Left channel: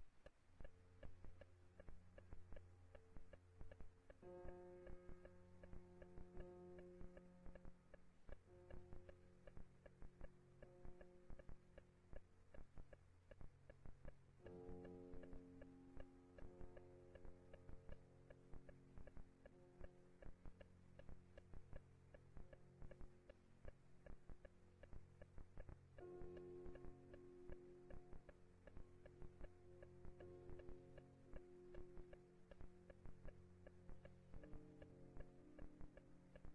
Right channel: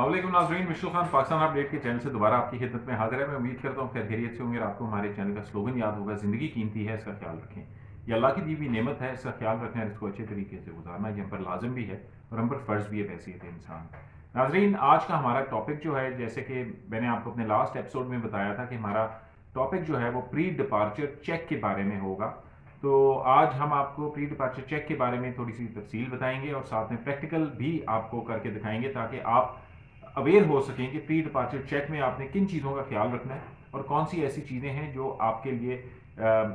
वालेकुम नाज़रीन, मिशुल खान पाकिस्तान अपडेट के चैनल से दोबारा आपकी खिदमत में हाजिर है। मैं उम्मीद करता हूँ खैरियत से होंगे और आपको हमारे चैनल का स्लोगन याद होगा, ज़िंदगी कीमती है, इसका ख्याल रखें। ये अल्लाह की दी हुई नेमत है, इसका ख्याल रखें और इसको अच्छे तरीके से गुजारना ये हम पर लाजम भी है और हम पर फ़र्ज़ भी है बहैसियत इंसान। नाज़रीन, आज का हमारा टॉपिक जो है, जैसे कि मैंने आपको अपने लास्ट एपिसोड में बताया था कि हमारा टॉपिक जो है वो प्री डिपार्चर चेक के बारे में होगा। तो आज हम आपको प्री डिपार्चर चेक के बारे में थोड़ी सी तफसील बताएंगे और साथ में प्रैक्टिकल भी आपको करके दिखाएंगे ताकि आप अवेयर हो सकें कि प्री डिपार्चर चेक में आपने किन चीज़ों का ख्याल रखना है और कौन सी ऐसी चीज़ें हैं जो आपके लिए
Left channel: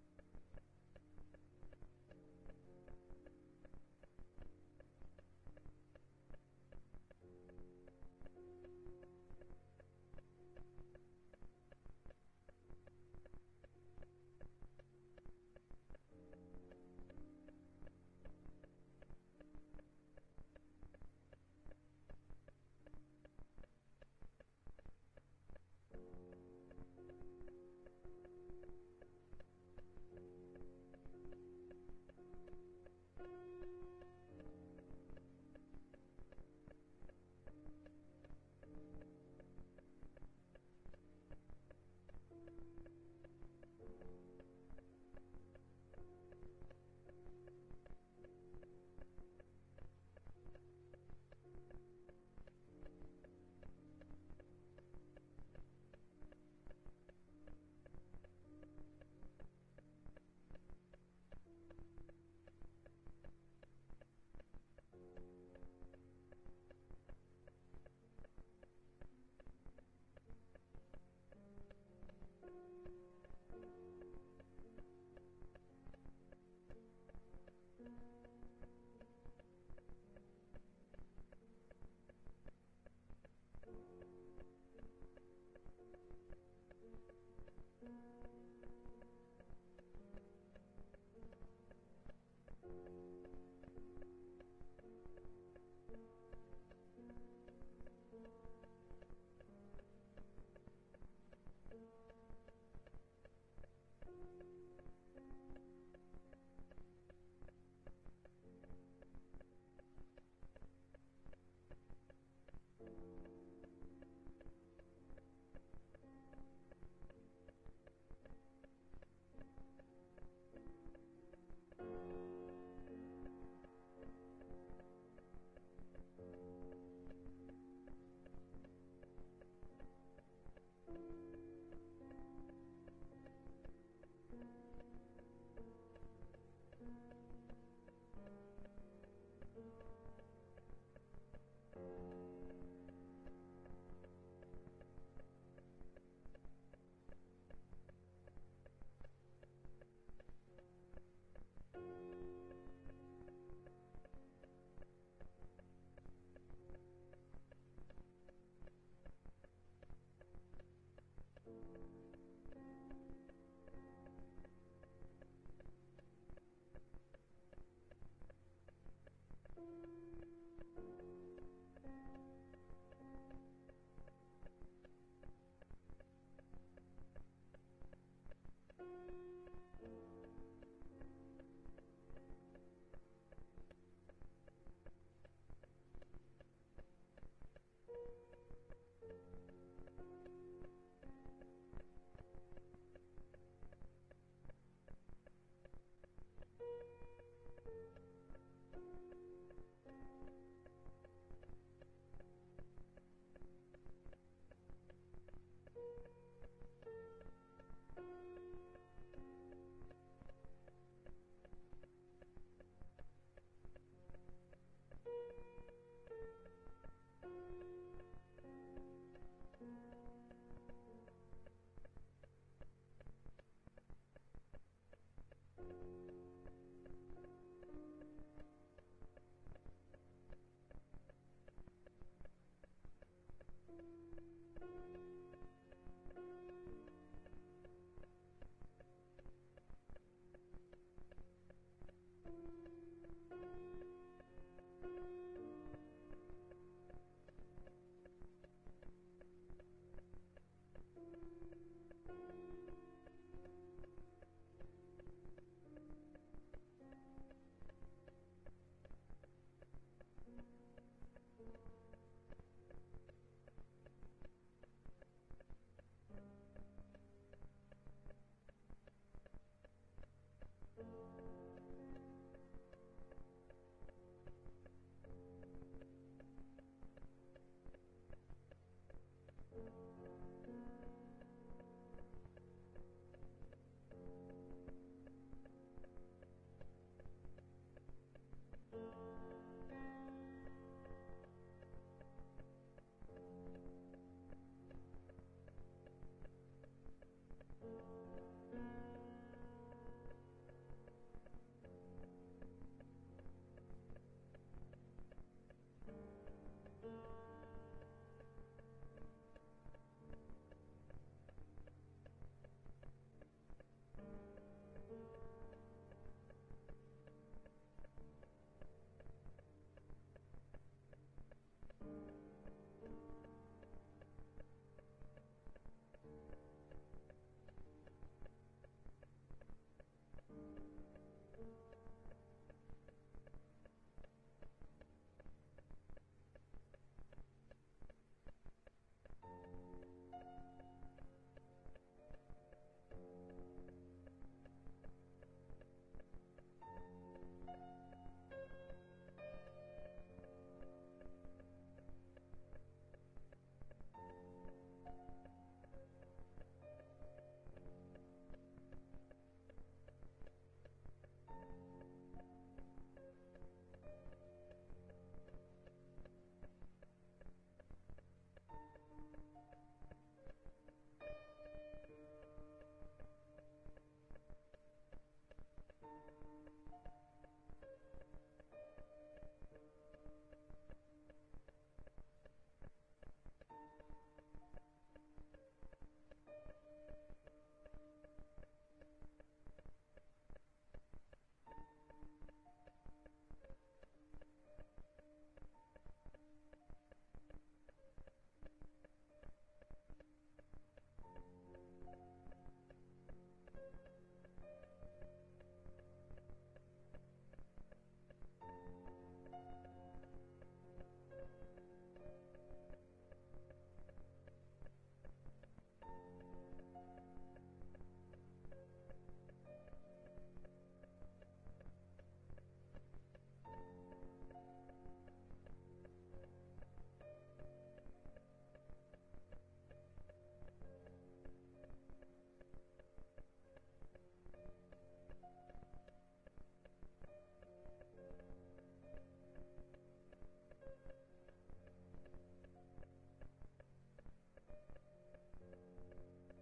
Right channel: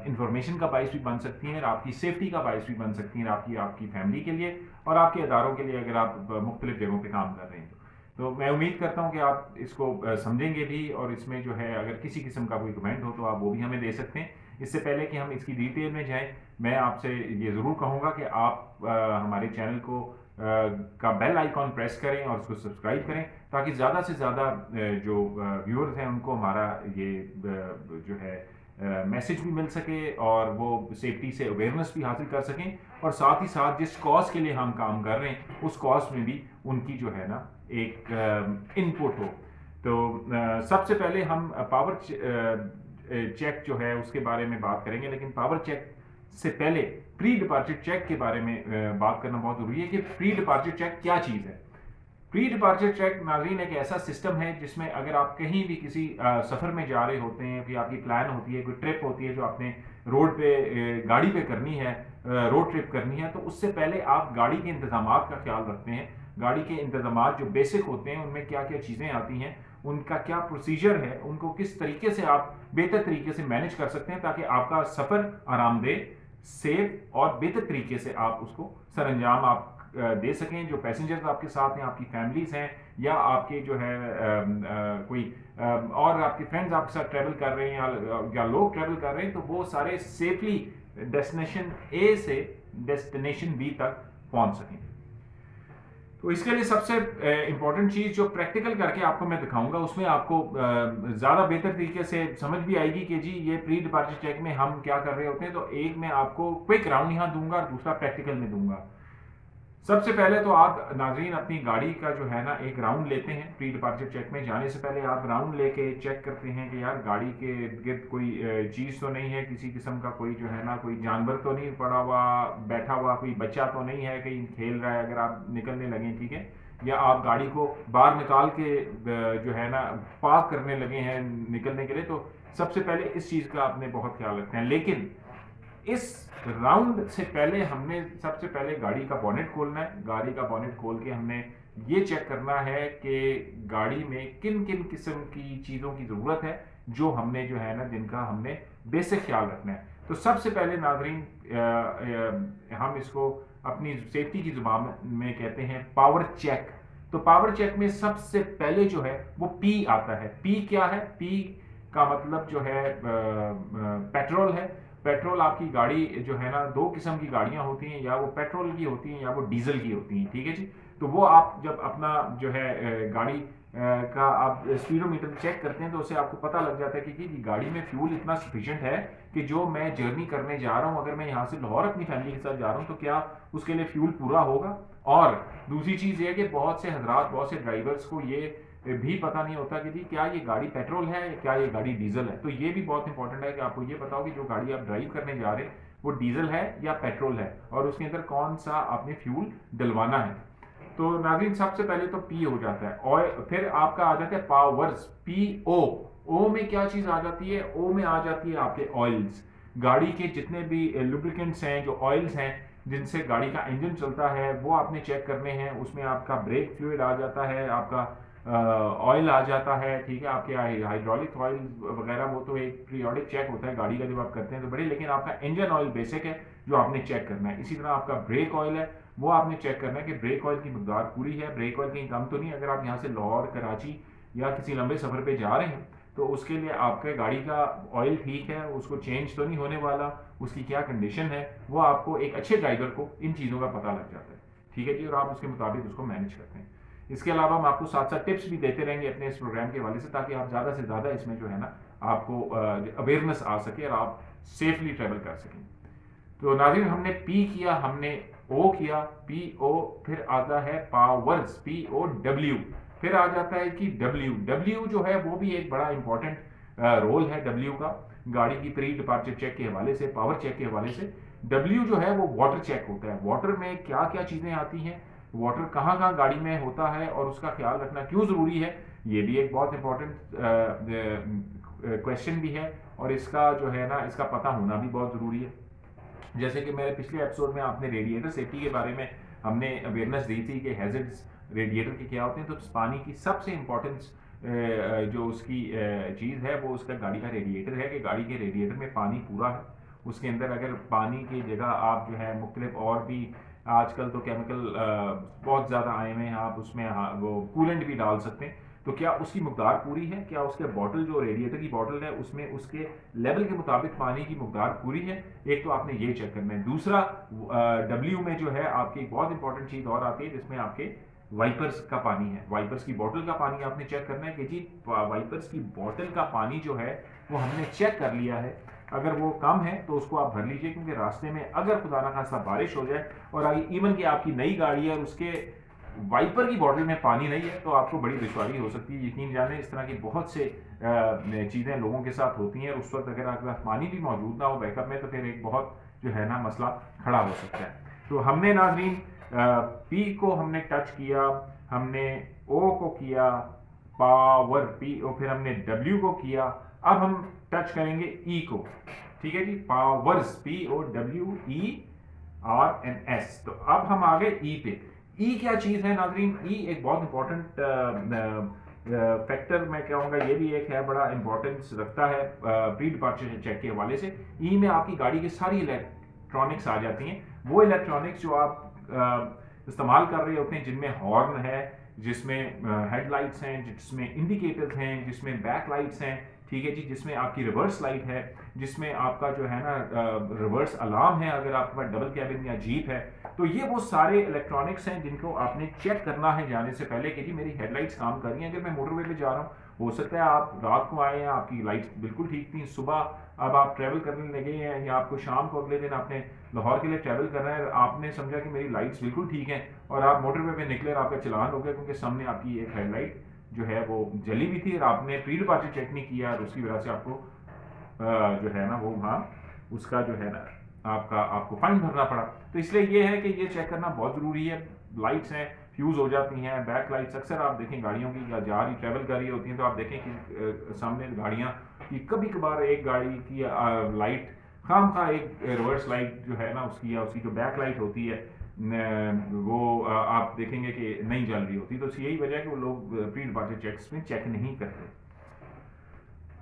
इंफॉर्मेशन का बायस भी बन सकती हैं और आपकी सेफ्टी का बायस भी बन सकती हैं, आपकी आपकी फैमिली के लिए और आपके अदारों के लिए, अगर आप मुख्तलिफ जगहों पर काम कर रहे हैं। तो मैं उम्मीद करता हूँ कि आप इसको समझेंगे भी और इसमें जो है अगर किसी किस्म का कोई कमेंट हो तो आप वो भी हमें दे सकते हैं। इससे पहले कि हम इसकी डिटेल में जाएं, मैं आपसे ये ज़रूर कहूँगा कि आप हमारे चैनल को का बेल आइकॉन प्रेस करें और उसको सब्सक्राइब करें ताकि ज़्यादा से ज़्यादा जो व्यूअर्स हैं उनको हमारा ये जो है मैसेज भी मिल सके और वो सेफ्टी से अवेयरनेस भी हासिल कर सकें और साथ ही साथ जिस कॉज के लिए हम काम कर रहे हैं उस कॉज में भी उनकी जो है ना एक इनपुट हो। तो सबसे पहले हम पावर चेक जो है उसके बारे में बात करेंगे, लेकिन पावर चेक से पहले प्री डिपार्चर चेक के बारे में बात करना बहुत जरूरी है कि प्री डिपार्चर चेक क्या चीज़ है। प्री डिपार्चर चेक नाज़रीन एक ऐसा सिस्टम है जिसमें अगर आप कहीं भी किसी सफ़र में जा रहे होते हैं, कोई आपकी प्लान होती है, कोई ट्रिप होती है जो आपने रोड पे गाड़ी पे करनी है, रोड ट्रिप करनी है, तो उससे पहले आप गाड़ी के इंतजामात का ख्याल रखते हैं। गाड़ी के इंतजामात जो बेसिक होते हैं उनमें क्या क्या चीज़ें आती हैं, उनका क्या प्रोसीजर है, उनको किस तरीके से आप बेहतर तरीके से मैनेज कर सकते हैं ताकि आपका सफ़र आरामदेह, सेफ और बेहतर तरीके से आप उसको सरंजाम आप दे सकें। जो पैसेंजर्स आपके साथ हैं, आपकी फैमिलीज हैं या आपके जो है कोई और आपके फ्रेंड्स आपके साथ ट्रैवल कर रहे हैं या लोग ट्रैवल कर रहे हैं, तो वो सारे सेफली डेस्टिनेशन ए से डेस्टिनेशन बी तक पहुंच सकें। तो इसके लिए सबसे इंपॉर्टेंट चीज़ जो प्रैक्टिकल करके आपको मैं दिखाऊंगा उसमें आपको ज़्यादा बेहतर तरीके से समझ भी आएगी कि जी ये प्री डिपार्चर चेक में हम क्या कर रहे होते हैं। तो एक मैं आपको क्विक राउंड यहाँ दूंगा और दूसरा प्रैक्टिकल में दूंगा। सबसे पहले तो आप नाजरीन अपनी गाड़ी का जो है ना एक राउंड लेते हैं। प्री डिपार्चर चेक में जाने से पहले आप राउंड लेके चेक करते हैं कि यार गाड़ी के इर्द गिर्द कोई चीज़ तो नहीं है, किसी किस्म का कोई जो है ना कोई जानवर तो नहीं पड़ा हुआ बैठा हुआ, कोई बच्चा तो नहीं है कहीं खेल रहा है अगर आप निकलने लगे, ठीक है, या आप गाड़ी को बाहर निकाल के जो है ना पार्क करने लगे हैं निकलने के लिए। तो सबसे पहले इस चीज़ का आपने बहुत ख्याल रखना है। लेकिन इस राउंड से पहले हमने सबसे पहले गाड़ी का बॉनेट खोलना है। गाड़ी का बॉनेट खोल के हमने ये चेक करना है कि गाड़ी में किन किन किस्म की चीज़ों की ज़रूरत है जो हमने जो है ना जिनका हमने बेसिक ख्याल रखना है। तो सबसे पहले नाजरीन हम इसको अपनी सेफ्टी की जुबान में कहते हैं पावर चेक। तो पावर चेक में सबसे पहले जो है वो पी आता है। पी क्या है? पी का मतलब जो है पेट्रोल है। पेट्रोल आपकी गाड़ी जो है ना दो किस्म की गाड़ियां होती हैं, या वो पेट्रोल की होती हैं या वो डीजल की होती हैं, ठीक है जी। तो वो आप जब अपना जो है गाड़ी का आप स्पीडोमीटर चेक करते हैं तो उससे आपको पता लग जाता है कि गाड़ी में फ्यूल इतना सफिशिएंट है कि जो मैं जर्नी करने जा रहा हूँ, अगर मैं यहाँ से लाहौर अपनी फैमिली के साथ जा रहा हूँ तो क्या उसके लिए फ्यूल पूरा होगा। और दूसरी चीज़ ये कि बहुत से हजरात, बहुत से ड्राइवर्स को ये भी पता नहीं होता कि जी क्या ये गाड़ी पेट्रोल है या क्या ये गाड़ी डीजल है। तो ये भी बहुत इंपॉर्टेंट है कि आपको ये पता हो कि जो गाड़ी आप ड्राइव करने जा रहे हैं वो डीजल है या पेट्रोल है और उसके अंदर कौन सा आपने फ्यूल डलवाना है। तो नाज़रीन सबसे पहले तो पी हो जाता है और फिर आपका आ जाता है पावर्स, पी ओ। ओ में क्या चीज़ आ जाती है? ओ में आ जाती है आपके ऑयल्स। गाड़ी के जितने भी लुब्रिकेंट्स हैं, जो ऑयल्स हैं जिनसे गाड़ी का इंजन चलता है, वो आपने चेक करने हैं। उसमें आपका ब्रेक फ्लूइड आ जाता है, आपका ऑयल आ जाता है, ठीक है, आपके हाइड्रोलिक ऑयल वगैरह वो तो एक पीरियोडिक चेक होता है गाड़ी का जब आप करते हैं तो बड़े, लेकिन आपका इंजन ऑयल बेसिक है जो आपने चेक करना है। इसी तरह आपका ब्रेक ऑयल है, वो आपने चेक करना है कि ब्रेक ऑयल की मकदार पूरी है, ब्रेक ऑयल कहीं कम तो नहीं। अगर आप यहाँ से लाहौर, कराची या किसी लंबे सफ़र पर जा रहे हैं तो उसके लिए आपके गाड़ी का ऑयल ठीक है, उसको चेंज तो नहीं होने वाला, उसकी क्या कंडीशन है, वो आपको एक अच्छे ड्राइवर को इन चीज़ों का पता लग जाता है, ठीक है जी, और आप उसके मुताबिक उसको मैनेज करते हैं। इसके अलावा हम आपको साथ साथ टिप्स भी देते रहेंगे अपने इस प्रोग्राम के हवाले से ताकि आप ज़्यादा से ज़्यादा इसमें जो है ना आपको अवेयरनेस आ सके और आप सेफली ट्रेवल कर सकें। तो नाज़रीन हमने पी किया, हमने ओ किया, पी ओ, फिर आता है पावर्स, पी ओ डब्ल्यू। फिर आ जाता है कि डब्ल्यू जो है वो भी एक बड़ा इंपॉर्टेंट रोल है डब्ल्यू का, गाड़ी की प्री डिपार्चर चेक के हवाले से, पावर चेक के हवाले से। डब्ल्यू जो है वो वाटर चेक होता है, वाटर में क्या क्या चीज़ें आती हैं, वाटर कहाँ कहाँ गाड़ी में होता है और उसका ख्याल रखना क्यों ज़रूरी है, ये भी एक बहुत इंपॉर्टेंट क्वेश्चन भी है, और इसका जो है ना इसका पता होना भी बहुत ज़रूरी है। जैसे कि मेरे पिछले एपिसोड में आपने रेडिएटर सेफ्टी के बारे में हमने अवेयरनेस दी थी कि हैजर्ड्स रेडिएटर के क्या होते हैं, तो पानी की सबसे इम्पोर्टेंस जो उसकी चीज़ है वो उसका गाड़ी का रेडिएटर है, कि गाड़ी के रेडिएटर में पानी पूरा है, उसके अंदर अगर पानी की जगह आप जो है मुख्तलिफ और भी आजकल तो केमिकल बहुत ज़्यादा आए हुए हैं, आप उसमें वो कूलेंट भी डाल सकते हैं, तो क्या उसकी मकदार पूरी है, क्या उसके बॉटल जो रेडिएटर की बॉटल है उसमें उसके लेवल के मुताबिक पानी की मकदार पूरी है। एक तो आपने ये चेक करना है। दूसरा डब्ल्यू में जो है आपकी एक बहुत इंपॉर्टेंट चीज़ और आती है जिसमें आपके वाइपर्स का पानी है, वाइपर्स की बोतल का पानी आपने चेक करना है कि जी वाइपर्स की बोतल का पानी जो है वो हमने चेक कर लिया है, अगर वो कम है तो उसको आप भर लीजिए, क्योंकि रास्ते में अगर खुदा ना खासा बारिश हो जाए और इवन कि आपकी नई गाड़ी है और उसके वाइपर की बॉटल में पानी नहीं है तो आपको बड़ी दुश्वारी हो सकती है। यकीन जाने इस तरह की बहुत से चीज़ें लोगों के साथ होती हैं, और उस वक्त अगर आपके पास पानी भी मौजूद ना हो बैकअप में तो फिर एक बहुत जो है ना मसला खड़ा हो सकता है। तो हमने नाजरीन पी को हमने टच किया, हमने ओ को किया, पावर पी, और फिर हमने डब्ल्यू को किया। अब हम टच करेंगे ई को, ठीक है जी, powers P O W E R N S. तो अब हम आ गए ई पे। ई क्या चीज़ है नाजरीन, ई एक बहुत इंपॉर्टेंट फैक्टर मैं कहूँगा, ये भी एक है बड़ा इंपॉर्टेंस रखता है प्री डिपार्चर चेक के हवाले से। ई में आपकी गाड़ी की सारी इलेक्ट्रॉनिक्स आ जाती हैं, वो इलेक्ट्रॉनिक्स जो आप इस्तेमाल कर रहे होते हैं, जिनमें हॉर्न है, जिसमें हेडलाइट्स हैं, जिसमें इंडिकेटर्स हैं, जिसमें बैक लाइट्स हैं, ठीक है जी, जिसमें आपकी रिवर्स लाइट है, जिसमें आपका जो है ना रिवर्स अलार्म है अगर आपके पास डबल कैबिन या जीप है। तो ये वो सारे इलेक्ट्रॉनिक्स हैं जिनको आपने चेक करना है जाने से पहले कि जी मेरी हेडलाइट्स काम कर रही हैं। अगर मैं मोटरवे पे जा रहा हूँ, हो सकता है आप रात को आए हैं आपकी लाइट्स बिल्कुल ठीक थी, सुबह अब आप ट्रैवल करने लगे हैं या आपको शाम को अगले दिन आपने लाहौर के लिए ट्रैवल करना है, आपने समझा कि मेरी लाइट्स बिल्कुल ठीक हैं और आप मोटरवे पे निकले और आपका चलान हो गया क्योंकि सामने आपकी एक हेडलाइट जो है वो जली भी थी और आपने प्री डिपार्चर चेक नहीं किया और उसकी वजह से आपको जो है ना वो वहाँ उसका जो है ना आपको फाइन भरना पड़ा। तो इसलिए ये है कि ये चेक करना बहुत ज़रूरी है। लाइट्स हैं फ्यूज़ हो जाती हैं, बैक लाइट्स अक्सर आप देखें गाड़ियों की या जा रही ट्रैवल कर रही होती हैं तो आप देखें कि सामने गाड़ियाँ की कभी कभार एक गाड़ी की लाइट खाम खा एक रिवर्स लाइट जो है ना उसकी या उसकी जो बैक लाइट होती है वो आप देखेंगे कि नहीं जल रही होती। तो यही वजह है कि वो लोग प्री डिपार्चर चेक्स में चेक नहीं करते।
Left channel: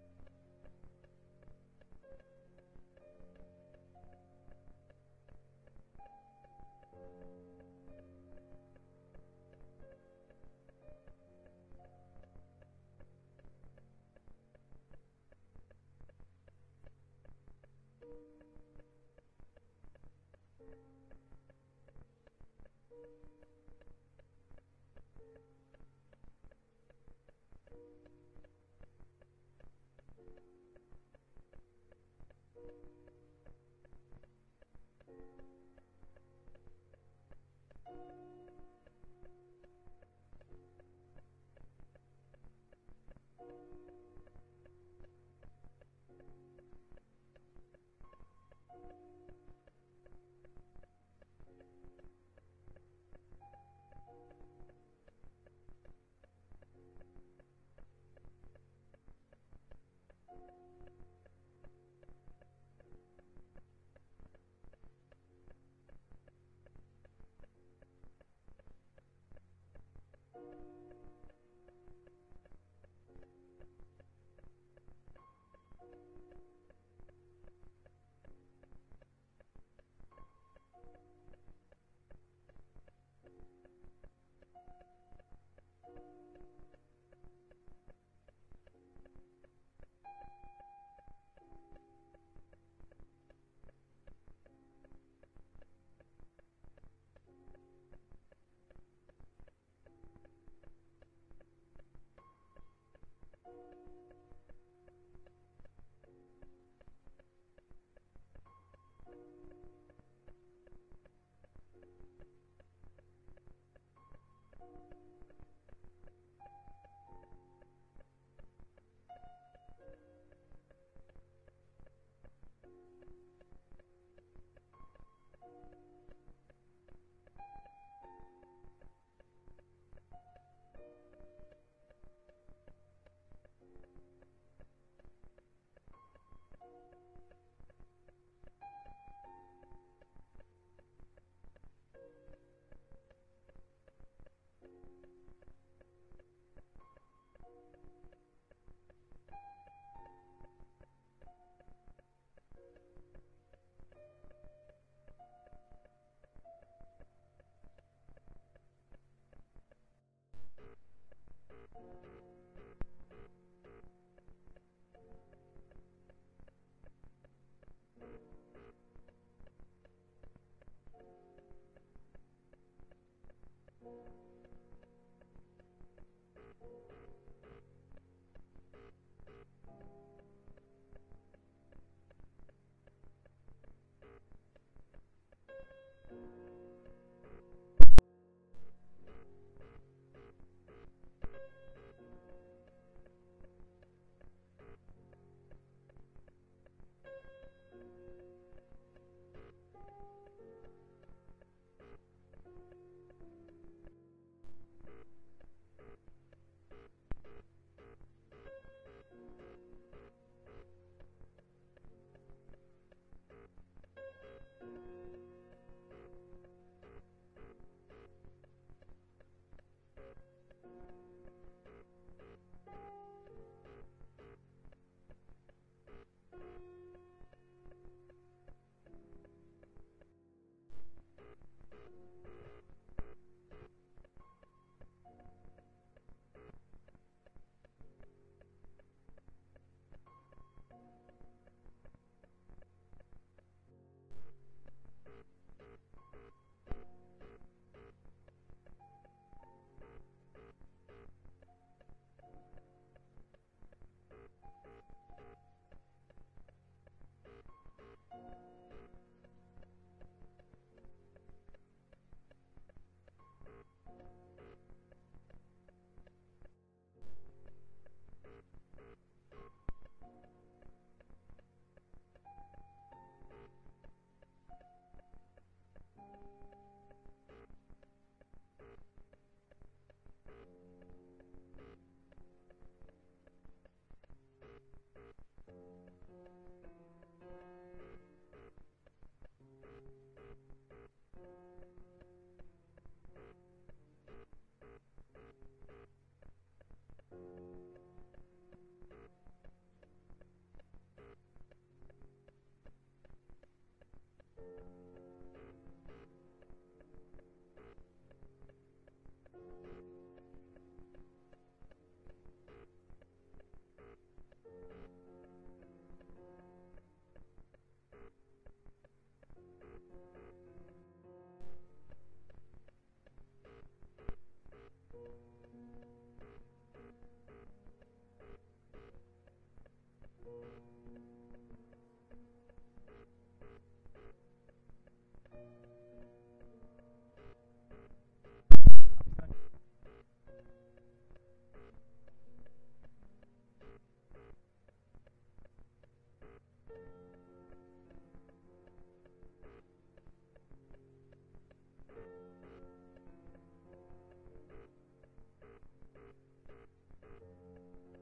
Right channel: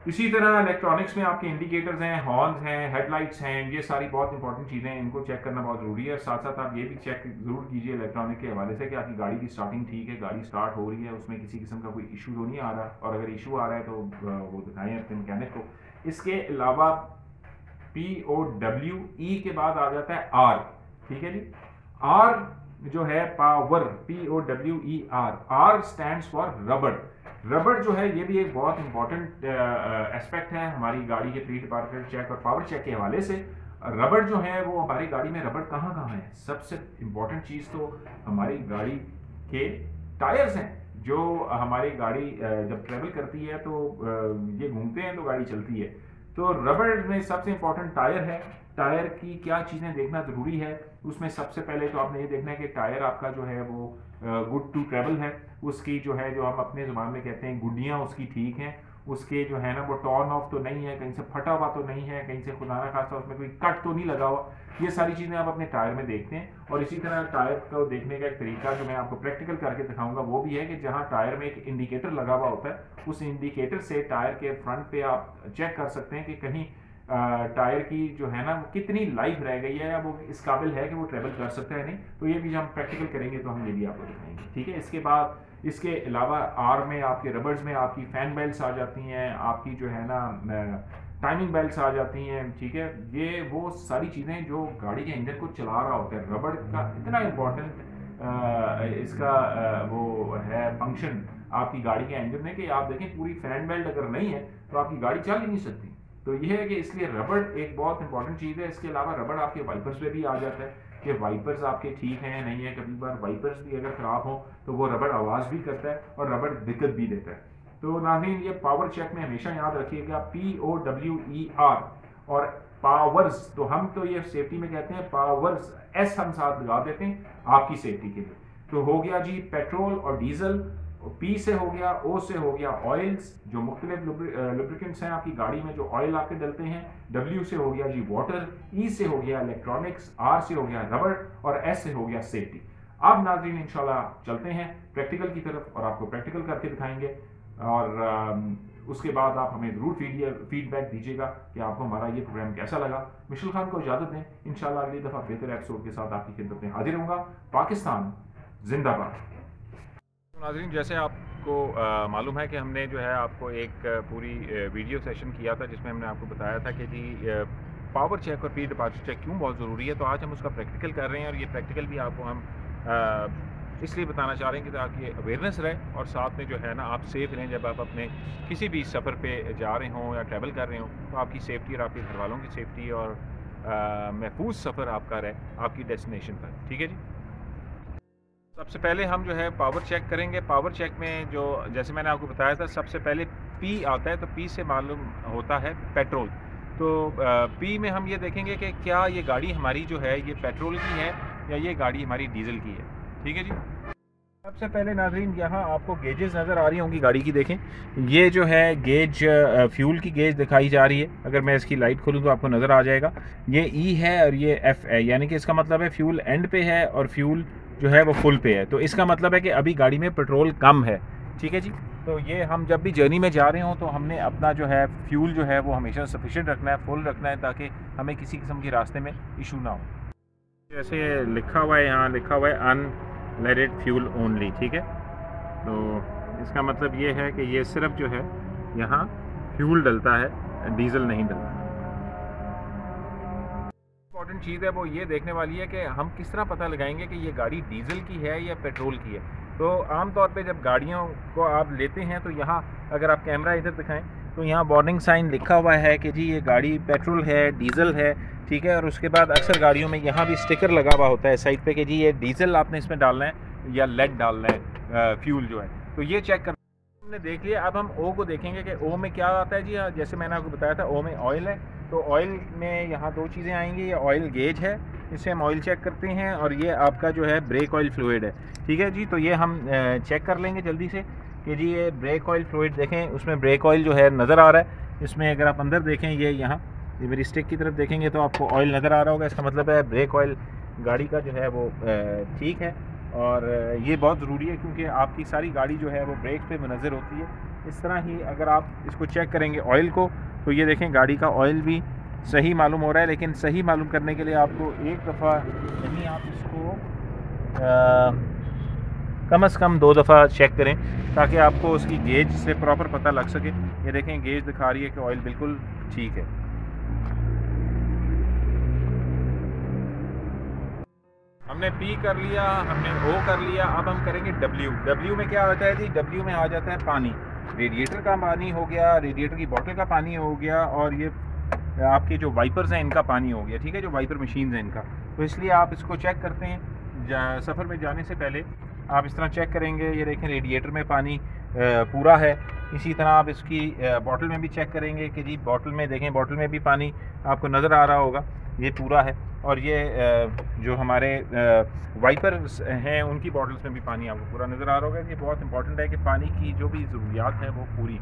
इसी तरह इलेक्ट्रॉनिक्स में आपके इंडिकेटर्स हैं, हॉर्न्स हैं, हेडलाइट्स हैं, ये सारी बहुत इंपॉर्टेंट चीज़ें हैं, इनको चेक करना बहुत ज़रूरी है। साथ साथ आप ये भी चेक ज़रूर कीजिए इलेक्ट्रॉनिक के हवाले से कि आपकी गाड़ी की स्टार्टिंग ठीक है, गाड़ी स्टार्ट हो रही है, उसमें किसी किस्म का कोई इशू तो नहीं आ रहा, और अगर इशू आ रहा है तो वो दिखाएं अपने मैकेनिक को। इसके अलावा पी ओ डब्ल्यू ई के बाद आ जाता है आर, ठीक है जी। आर जो है power, P O W E R, R stands for रबड़। रबड़ जो है ये भी एक बहुत इंपॉर्टेंट एस्पेक्ट है हमारी गाड़ी के प्री डिपार्चर चेक और पावर चेक के हवाले से। रबड़ जो है वो हमारी गाड़ी में रबड़ कहाँ कहाँ है, सबसे इंपॉर्टेंट चीज़ तो हमारी गाड़ी के टायर्स हैं। जो हमारी गाड़ी जब ट्रेवल करती है तो ये घूमते हैं तो गाड़ी चलती है, तो रबड़ में सबसे इंपॉर्टेंट टायर है। टायर की क्या चीज़ें देखना ज़रूरी है, उसमें सबसे पहले तो आपने ये देखना है कि टायर आपका जो है वो गुड टू ट्रेवल है, उसकी जो है जो हम अपने ज़ुबान में कहते हैं गुड्डियाँ उसकी ठीक हैं, उसके जो है ना वो टॉर्न ऑफ तो नहीं है, कहीं से फटा हुआ तो नहीं है, कहीं से खुदा ना खासा उसमें कोई कट तो नहीं लगा हुआ। ये सारी चीज़ें आप अपने टायर में देखते हैं। और इसी तरह टायर को देखने का एक तरीका जो मैं आपको प्रैक्टिकल करके दिखाऊंगा वो भी है कि जहाँ टायर में एक इंडिकेटर लगा हुआ होता है, उस इंडिकेटर से टायर के फ्रंट पे आप चेक कर सकते हैं कि कहीं टायर की जो है ना वो कितनी लाइफ रह गई है या वो इस काबिल है कि वो ट्रेवल कर सकता है नहीं। तो ये भी हम प्रैक्टिकल करेंगे तो हम ये भी आपको दिखाएंगे, ठीक है। इसके बाद इसके अलावा आर में आपके रबर्स में आपकी फैन बेल्ट्स आ जाती हैं, आपकी जो है ना टाइमिंग बेल्ट्स आ जाती हैं, ठीक है। ये वो सारी चीज़ें जो गाड़ी के इंजन को चला रहा होता है, रबड़ का इतना इम्पोर्टेंट इसका वो है फंक्शन आपकी गाड़ी के इंजन में कि आप देखें पूरी फैन बेल्ट अगर नहीं है तो आपकी गाड़ी चल ही नहीं सकती। तो यह है कि इसलिए रबड़ एक बहुत इंपॉर्टेंट चीज़ है। इसके अलावा रबड़ आपके वाइपर्स पे भी आ जाता है, कि वाइपर्स आपके ठीक हैं नहीं है। कभी बार वाइपर्स भी अगर ख़राब हो तो वो रबड़ आवाज़ भी करता है और रबड़ दिक्कत भी देता है। तो नाज़रीन, ये पावर चेक में हमेशा याद रखिएगा POWER और पावर्स, तो हम तो ये सेफ्टी में कहते हैं पावर्स, एस हम साथ लगा देते हैं आपकी सेफ्टी के लिए। तो हो गया जी पेट्रोल और डीजल, पी से हो गया, ओ से हो गया ऑयल्स, जो मुख्तलिफ लुब्रिकेंट्स हैं आपकी गाड़ी में जो ऑयल आपके डलते हैं। डब्ल्यू से हो गया जी वाटर, ई से हो गया इलेक्ट्रॉनिक्स, आर से हो गया रबड़ और एस से हो गया सेफ्टी। अब नाज़रीन इंशाल्लाह चलते हैं प्रैक्टिकल की तरफ और आपको प्रैक्टिकल करके दिखाएंगे और उसके बाद आप हमें ज़रूर फीडबैक दीजिएगा कि आपको हमारा ये प्रोग्राम कैसा लगा। मिशेल खान को इजाज़त दें, इंशाल्लाह अगली दफ़ा बेहतर एपिसोड के साथ आपकी खिदमत में हाजिर होऊंगा। पाकिस्तान जिंदाबाद। नाज़रीन, जैसे आपको मालूम है कि हमने जो है आपको एक पूरी वीडियो सेशन किया था जिसमें हमने आपको बताया था कि जी पावर चेक और पी डिपार्चर चेक क्यों बहुत ज़रूरी है। तो आज हम उसका प्रैक्टिकल कर रहे हैं और ये प्रैक्टिकल भी आपको हम इसलिए बताना चाह रहे हैं कि ताकि अवेयरनेस रहे और साथ में जो है ना आप सेफ़ रहें जब आप अपने किसी भी सफ़र पे जा रहे हों या ट्रैवल कर रहे हों, तो आपकी सेफ्टी और आपके घर वालों की सेफ्टी और महफूज सफ़र आपका रहे आपकी डेस्टिनेशन पर। ठीक है जी। सबसे पहले हम जो है पावर चेक करेंगे। पावर चेक में जो जैसे मैंने आपको बताया था सबसे पहले पी आता है, तो पी से मालूम होता है पेट्रोल। तो पी में हम ये देखेंगे कि क्या ये गाड़ी हमारी जो है ये पेट्रोल की है या ये गाड़ी हमारी डीजल की है। ठीक है जी। सबसे पहले नाज़रीन यहाँ आपको गेजेस नज़र आ रही होंगी गाड़ी की, देखें ये जो है गेज फ्यूल की गेज दिखाई जा रही है। अगर मैं इसकी लाइट खोलूँ तो आपको नज़र आ जाएगा ये ई है और ये एफ है, यानी कि इसका मतलब है फ्यूल एंड पे है और फ्यूल जो है वो फुल पे है। तो इसका मतलब है कि अभी गाड़ी में पेट्रोल कम है। ठीक है जी। तो ये हम जब भी जर्नी में जा रहे हों तो हमने अपना जो है फ्यूल जो है वो हमेशा सफिशेंट रखना है, फुल रखना है, ताकि हमें किसी किस्म के रास्ते में इशू ना हो। जैसे लिखा हुआ है, यहाँ लिखा हुआ है अनलेडेड फ्यूल ओनली। ठीक है, तो इसका मतलब ये है कि ये सिर्फ जो है यहाँ फ्यूल डलता है, डीजल नहीं डलता। इम्पॉर्टेंट चीज़ है वो ये देखने वाली है कि हम किस तरह पता लगाएंगे कि ये गाड़ी डीजल की है या पेट्रोल की है। तो आमतौर पे जब गाड़ियों को आप लेते हैं तो यहाँ अगर आप कैमरा इधर दिखाएं तो यहाँ वार्निंग साइन लिखा हुआ है कि जी ये गाड़ी पेट्रोल है, डीजल है। ठीक है, और उसके बाद अक्सर गाड़ियों में यहाँ भी स्टिकर लगा हुआ होता है साइड पे कि जी ये डीजल आपने इसमें डालना है या लेड डालना है फ्यूल जो है। तो ये चेक कर हमने देख लिया। अब हम ओ को देखेंगे कि ओ में क्या आता है जी। जैसे मैंने आपको बताया था ओ में ऑयल है, तो ऑयल में यहाँ दो चीज़ें आएंगी। ये ऑयल गेज है, इससे हम ऑयल चेक करते हैं, और ये आपका जो है ब्रेक ऑयल फ्लूइड है। ठीक है जी, तो ये हम चेक कर लेंगे जल्दी से कि जी ये ब्रेक ऑयल फ्लूइड देखें, उसमें ब्रेक ऑयल जो है नज़र आ रहा है। इसमें अगर आप अंदर देखें ये यहाँ ये मेरी स्टिक की तरफ देखेंगे तो आपको ऑयल नज़र आ रहा होगा। इसका मतलब है ब्रेक ऑयल गाड़ी का जो है वो ठीक है। और ये बहुत ज़रूरी है क्योंकि आपकी सारी गाड़ी जो है वो ब्रेक पे मुनज़र होती है। इस तरह ही अगर आप इसको चेक करेंगे ऑयल को, तो ये देखें गाड़ी का ऑयल भी सही मालूम हो रहा है। लेकिन सही मालूम करने के लिए आपको एक दफ़ा नहीं, आप इसको कम से कम 2 दफ़ा चेक करें ताकि आपको उसकी गेज से प्रॉपर पता लग सके। ये देखें गेज दिखा रही है कि ऑयल बिल्कुल ठीक है। हमने पी कर लिया, हमने ओ कर लिया, अब हम करेंगे डब्ल्यू। डब्ल्यू में क्या आता है जी? डब्ल्यू में आ जाता है पानी। रेडिएटर का पानी हो गया, रेडिएटर की बोतल का पानी हो गया, और ये आपके जो वाइपर्स हैं इनका पानी हो गया। ठीक है, जो वाइपर मशीन हैं इनका। तो इसलिए आप इसको चेक करते हैं सफ़र में जाने से पहले आप इस तरह चेक करेंगे। ये देखें रेडिएटर में पानी पूरा है। इसी तरह आप इसकी बॉटल में भी चेक करेंगे कि जी बॉटल में देखें, बॉटल में भी पानी आपको नज़र आ रहा होगा, ये पूरा है। और ये जो हमारे वाइपर्स हैं उनकी बॉटल्स में भी पानी आपको पूरा नज़र आ रहा होगा। ये बहुत इंपॉर्टेंट है कि पानी की जो भी ज़रूरियात है वो पूरी।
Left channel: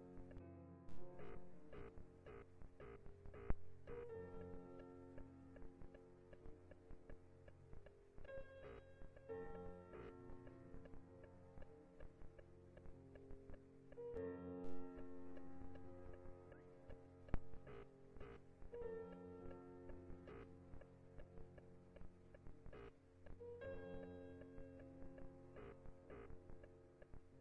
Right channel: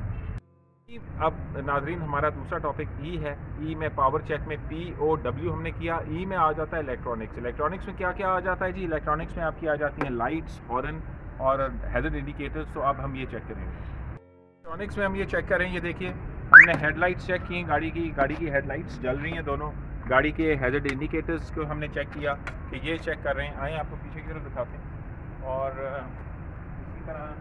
अब नाजरीन हमारा दूसरा टॉपिक ई है। ई में पावर चेक में POW हमने किया। ई में आ जाता है इलेक्ट्रॉनिक्स। इलेक्ट्रॉनिक्स में क्या क्या आ जाता है जी? इलेक्ट्रॉनिक्स में आपकी आ जाती हैं लाइट्स, हॉर्न और हैज़र्ड इंडिकेटर्स। तो अब हम ये चेक करेंगे। इलेक्ट्रॉनिक्स में हम ये चेक करें, ये देखिए हमने हेडलाइट्स चेक की, गाड़ी की हेडलाइट्स जल रही हैं दोनों। गाड़ी के हैज़र्ड इंडिकेटर्स को हमने चेक किया कि ये चेक कर रहे हैं। आए आपको पीछे की तरफ दिखाते हैं। और इसी तरह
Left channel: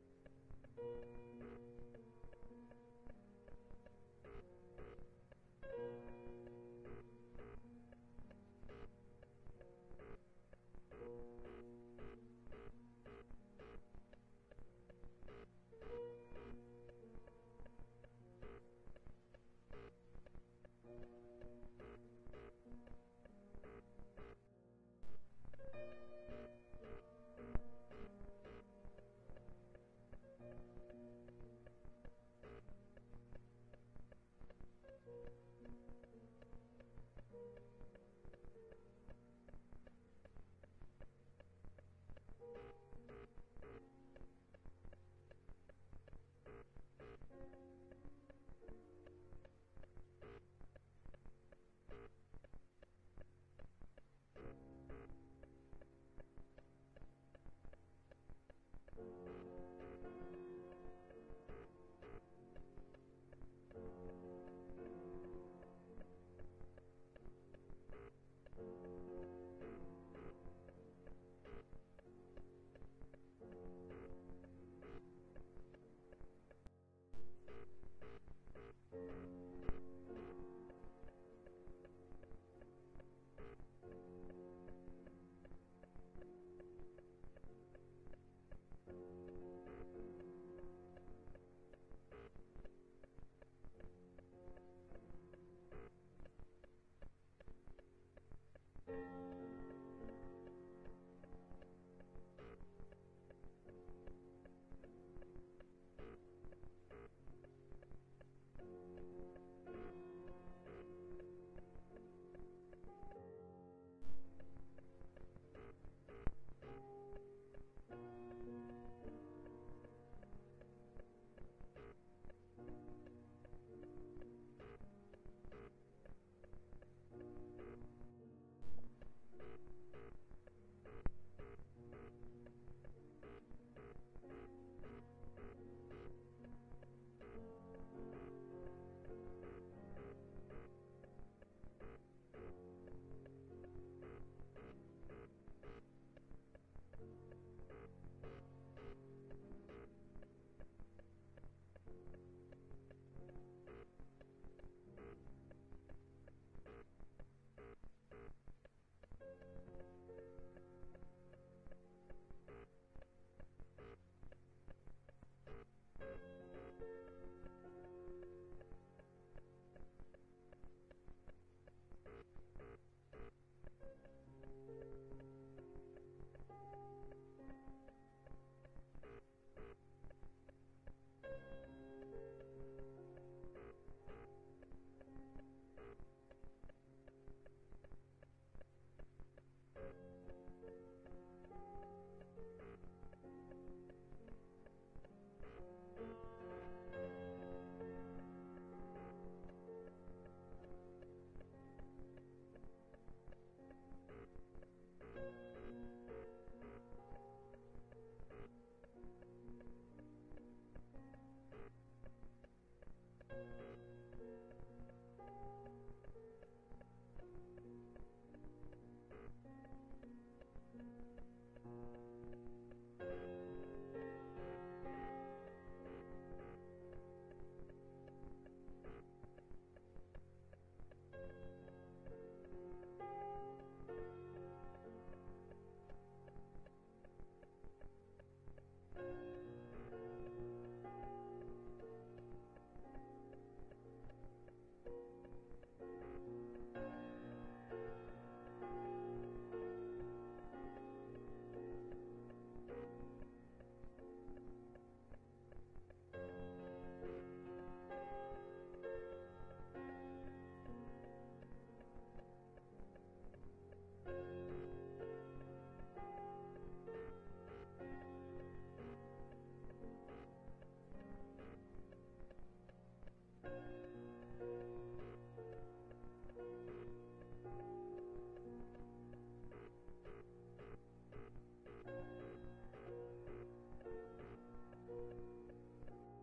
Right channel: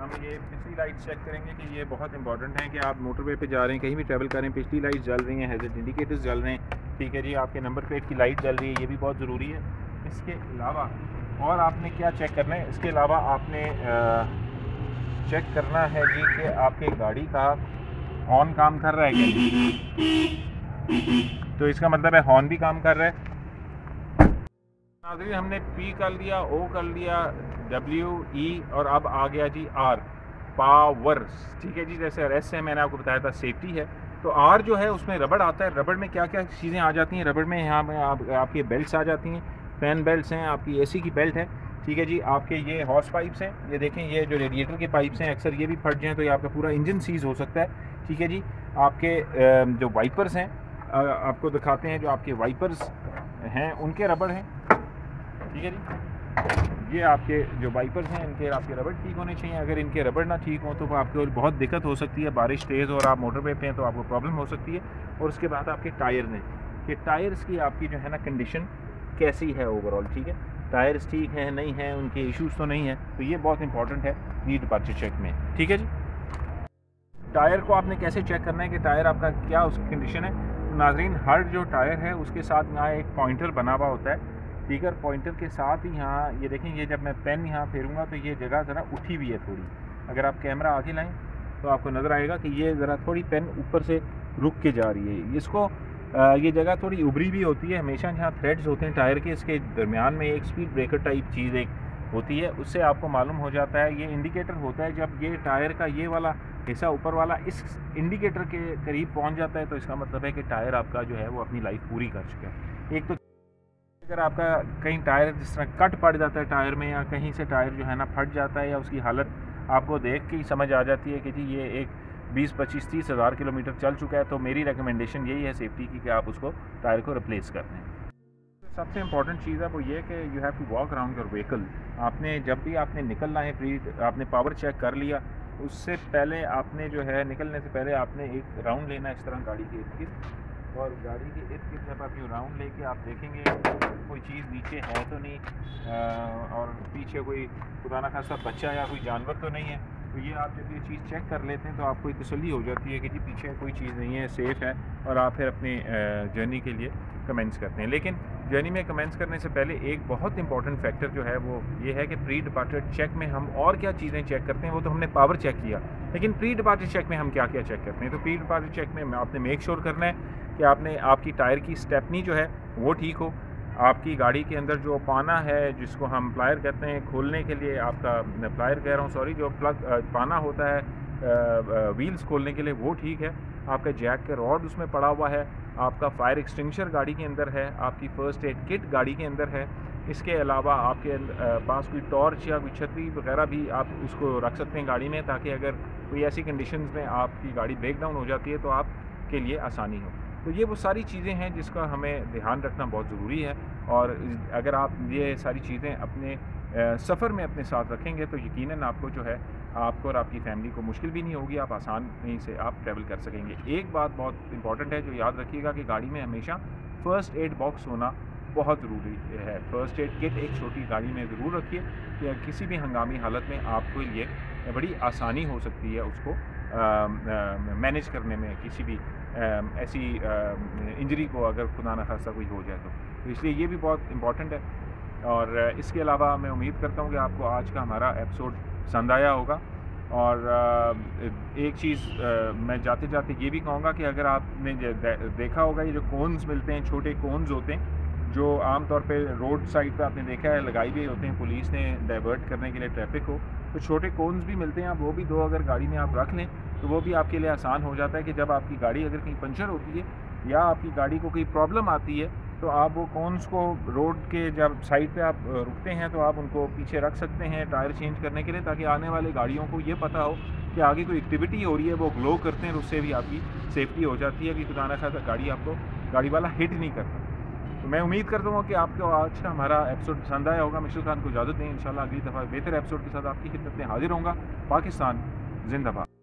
हम ये पिछली लाइट्स चेक करेंगे कि ये बहुत इंपॉर्टेंट है कि आप मोटरवे पे जा रहे हैं, कहीं भी ट्रैवल कर रहे हैं, पिछली लाइट्स जल रही हैं, हैज़र्ड इंडिकेटर्स जल रहे हैं। ठीक है जी, आपके नंबर प्लेट की लाइट जल रही है, ये भी बहुत ज़रूरी है। इसके अलावा और आपने क्या चेक करना है? इसके अलावा आपने चेक करना है जी कि आपके गाड़ी का हॉर्न काम कर रहा है क्या। तो इसका मतलब है हॉर्न भी काम कर रहा है। नाज़रीन हमने P कर लिया, O कर लिया, W, E और अब आ गया जी R, पावर। ठीक है जी, जैसे रेस्ट है मैंने आपको बताया था सेफ्टी है, तो R जो है उसमें रबड़ आता है। रबड़ में क्या क्या चीज़ें आ जाती हैं, रबड़ में यहाँ में आपकी बेल्ट्स आ जाती हैं, फैन बेल्ट्स हैं, आपकी AC की बेल्ट है। ठीक है जी, आपके ये हॉर्स पाइप्स हैं, ये देखें ये जो रेडिएटर के पाइप्स हैं अक्सर ये भी फट जाएँ तो ये आपका पूरा इंजन सीज़ हो सकता है। ठीक है जी, आपके जो वाइपर्स हैं आपको दिखाते हैं, जो आपके वाइपर्स हैं उनके रबड़ हैं। ठीक है जी, ये आपके जो वाइपर्स हैं इनके आपके रबड़ ठीक होने चाहिए। अगर इनके रबड़ ना ठीक हों तो आपको बहुत दिक्कत हो सकती है, बारिश तेज़ और आप मोटरवे पे हैं तो आपको प्रॉब्लम हो सकती है। और उसके बाद आपके टायर हैं कि टायर्स की आपकी जो है ना कंडीशन कैसी है ओवरऑल। ठीक है, टायर्स ठीक हैं नहीं हैं, उनके इश्यूज़ तो नहीं हैं, तो ये बहुत इंपॉर्टेंट है प्री डिपार्चर चेक में। ठीक है जी, टायर को आपने कैसे चेक करना है कि टायर आपका क्या उसकी कंडीशन है। तो नाजरीन हर जो टायर है उसके साथ यहाँ एक पॉइंटर बना हुआ होता है। ठीक है, पॉइंटर के साथ ही यहाँ ये देखें, ये जब मैं पेन यहाँ फेरूँगा तो ये जगह ज़रा उठी हुई है थोड़ी। अगर आप कैमरा आगे लाएं तो आपको नज़र आएगा कि ये ज़रा थोड़ी पेन ऊपर से रुक के जा रही है। इसको ये जगह थोड़ी उभरी भी होती है। हमेशा जहाँ थ्रेड्स होते हैं टायर के, इसके दरमियान में एक स्पीड ब्रेकर टाइप चीज़ एक होती है, उससे आपको मालूम हो जाता है। ये इंडिकेटर होता है, जब ये टायर का ये वाला हिस्सा ऊपर वाला इस इंडिकेटर के करीब पहुंच जाता है तो इसका मतलब है कि टायर आपका जो है वो अपनी लाइफ पूरी कर चुका है। एक तो अगर आपका कहीं टायर जिस तरह कट पड़ जाता है टायर में, या कहीं से टायर जो है ना फट जाता है, या उसकी हालत आपको देख के ही समझ आ जाती है कि जी ये एक 20, 25, 30 हज़ार किलोमीटर चल चुका है, तो मेरी रिकमेंडेशन यही है सेफ्टी की कि आप उसको टायर को रिप्लेस कर दें। सबसे इम्पॉर्टेंट चीज़ है वो ये कि you have to walk around your vehicle. आपने जब भी आपने निकलना है, आपने पावर चेक कर लिया, उससे पहले आपने जो है निकलने से पहले आपने एक राउंड लेना है इस तरह गाड़ी के इर्द गिर्द। और गाड़ी के इर्द गिर्द जब आप ये राउंड लेके आप देखेंगे कोई चीज़ नीचे है तो नहीं, और पीछे कोई खुदा न खासा बच्चा या कोई जानवर तो नहीं है, तो ये आप जब ये चीज़ चेक कर लेते हैं तो आपको एक तसल्ली हो जाती है कि जी पीछे कोई चीज़ नहीं है, सेफ़ है, और आप फिर अपनी जर्नी के लिए कमेंस करते हैं। लेकिन जर्नी में कमेंस करने से पहले एक बहुत इंपॉर्टेंट फैक्टर जो है वो ये है कि प्री डिपार्चर चेक में हम और क्या चीज़ें चेक करते हैं। वो तो हमने पावर चेक किया, लेकिन प्री डिपार्चर चेक में हम क्या क्या चेक करते हैं। तो प्री डिपार्चर चेक में आपने मेक श्योर करना है कि आपकी टायर की स्टेपनी जो है वो ठीक हो, आपकी गाड़ी के अंदर जो पाना है जिसको हम प्लायर कहते हैं खोलने के लिए, आपका प्लायर कह रहा हूँ सॉरी, जो प्लग पाना होता है व्हील्स खोलने के लिए वो ठीक है, आपका जैक का रॉड उसमें पड़ा हुआ है, आपका फायर एक्सटिंग्विशर गाड़ी के अंदर है, आपकी फ़र्स्ट एड किट गाड़ी के अंदर है। इसके अलावा आपके पास कोई टॉर्च या कोई छतरी वगैरह भी आप उसको रख सकते हैं गाड़ी में, ताकि अगर कोई ऐसी कंडीशंस में आपकी गाड़ी ब्रेक डाउन हो जाती है तो आपके लिए आसानी हो। तो ये वो सारी चीज़ें हैं जिसका हमें ध्यान रखना बहुत ज़रूरी है। और अगर आप ये सारी चीज़ें अपने सफ़र में अपने साथ रखेंगे तो यकीनन आपको जो है आपको और आपकी फ़ैमिली को मुश्किल भी नहीं होगी, आप आसानी से आप ट्रैवल कर सकेंगे। एक बात बहुत इंपॉर्टेंट है जो याद रखिएगा कि गाड़ी में हमेशा फ़र्स्ट एड बॉक्स होना बहुत ज़रूरी है। फ़र्स्ट एड किट एक छोटी गाड़ी में ज़रूर रखिए कि किसी भी हंगामी हालत में आपको लिए बड़ी आसानी हो सकती है उसको मैनेज करने में, किसी भी ऐसी इंजरी को अगर खुदा न खास्ता कोई हो जाए तो इसलिए ये भी बहुत इम्पॉर्टेंट है। और इसके अलावा मैं उम्मीद करता हूँ कि आपको आज का हमारा एपिसोड पसंद आया होगा। और एक चीज़ मैं जाते जाते ये भी कहूँगा कि अगर आपने देखा होगा ये जो कोन्स मिलते हैं, छोटे कोन्स होते हैं जो आमतौर पे रोड साइड पे आपने देखा है लगाई भी होते हैं पुलिस ने डाइवर्ट करने के लिए ट्रैफिक को, तो छोटे कोन्स भी मिलते हैं। आप वो भी दो अगर गाड़ी में आप रख लें तो वो भी आपके लिए आसान हो जाता है कि जब आपकी गाड़ी अगर कहीं पंचर होती है या आपकी गाड़ी को कोई प्रॉब्लम आती है तो आप वो कोन्स को रोड के जब साइड पे आप रुकते हैं तो आप उनको पीछे रख सकते हैं टायर चेंज करने के लिए, ताकि आने वाली गाड़ियों को ये पता हो कि आगे कोई एक्टिविटी हो रही है, वो ग्लो करते हैं, उससे भी आपकी सेफ्टी हो जाती है कि खुदा न खास्ता गाड़ी वाला हिट नहीं करता। तो मैं उम्मीद करता हूँ कि आपको आज का हमारा एपिसोड पसंद आया होगा। मिशेल खान को इजाज़त दें, इंशाल्लाह अगली दफ़ा बेहतर एपिसोड के साथ आपकी खिदमत में हाजिर होऊंगा। पाकिस्तान जिंदाबाद।